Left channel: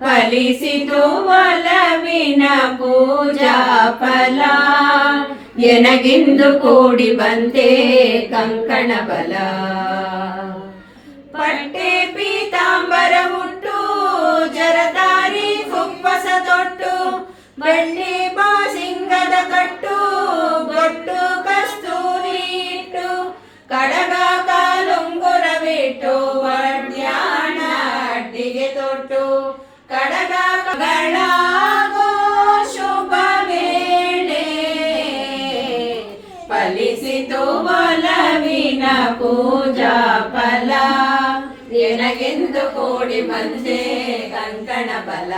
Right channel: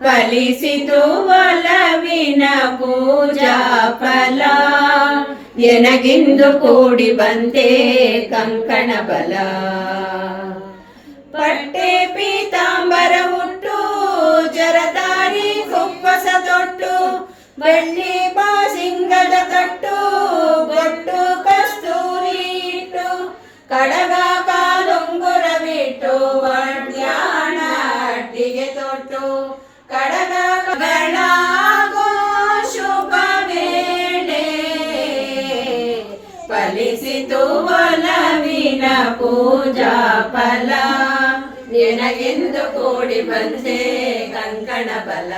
ಫಲಿಸಿತು ಒಲವಿನ ಪೂಜಾ ಫಲ ಎನಗಿಂದು ಕೂಡಿ ಬಂತೆ ಕಂಕಣ ಬಲ ಪಟ್ಟೆ ಪೀತಾಂಬರ ಹುಟ್ಟು ಜರದಾರಿ ಕುಪ್ಪಸ ತೊಟ್ಟು ಬೆಳ್ಳಿ ಬಾಸಿಂಗದ ಕಟ್ಟು ಬಟ್ಟು ಕಸ್ತೂರಿ ಇಟ್ಟು ಕಡಗ ಕಾಲುಂಗುರವಿಟ್ಟು ವಡ್ಯಾಣ ಅಡ್ಡಿಗೆ ತೊಟ್ಟು ಕಡಗ ಬೆಳಗೋ ಶುಭ ವೇಳೆ ಫಲಿಸಿತು ಒಲವಿನ ಪೂಜಾ ಫಲ ನಿನಗೆಂದು ಕೂಡಿ ಬಂದೆ ಕಂಕಣ ಬಲ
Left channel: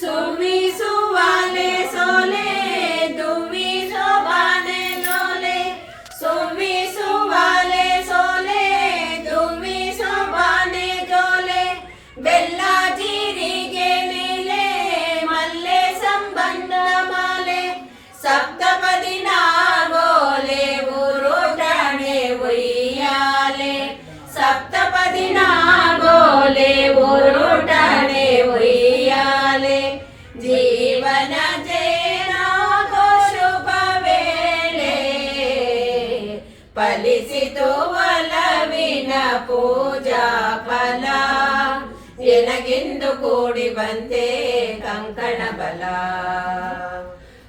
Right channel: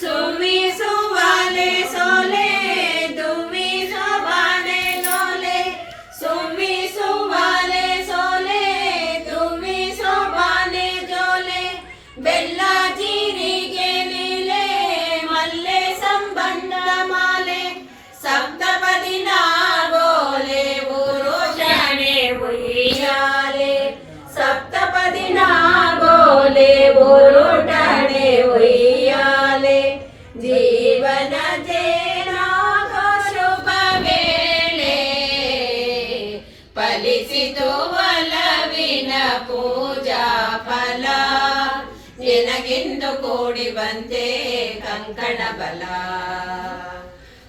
ಸುವಿಸುವಾಲೆ ಸೋಲೆ ದುವಿಸುವಾಲೆ ಲೋಲೆ ಸುವಿಸುವಾಲೆ ಸೋಲೆ ದುವಿಸುವಾಲೆ ಜೋಲೆ ಬೆಲ್ಲ ಜೀರಿಗೆ ನೀಲೆ ಮಲ್ಲೆ ಸಂಬಂಧ ಮಾಲೆ ಸಪ್ತಪದಿ ನಾಗೋಲೆ ಊರೋಟಣೆ ಉಯ್ಯಾಲೆ ಸಪ್ತಪದಿ ನಾಗೋಲೆ ಊರೋಟಣೆ ಉಯ್ಯಾಲೆ ಜೀವನ ಜೇನಾಗೋ ಶುಭ ವೇಳೆ ಫಲಿಸಿತು ಒಲವಿನ ಪೂಜಾ ಫಲ ಎನಗೆಂದು ಕೂಡಿ ಬಂತೆ ಕಂಕಣ ಬಲ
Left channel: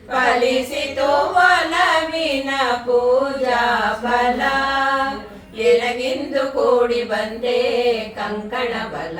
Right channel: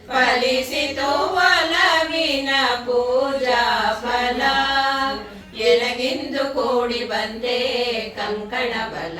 ಫಲಿಸಿತು ಒಲವಿನ ಪೂಜಾ ಫಲ ಎನಗೆಂದು ಕೂಡಿ ಬಂತೆ ಕಂಕಣ ಬಲ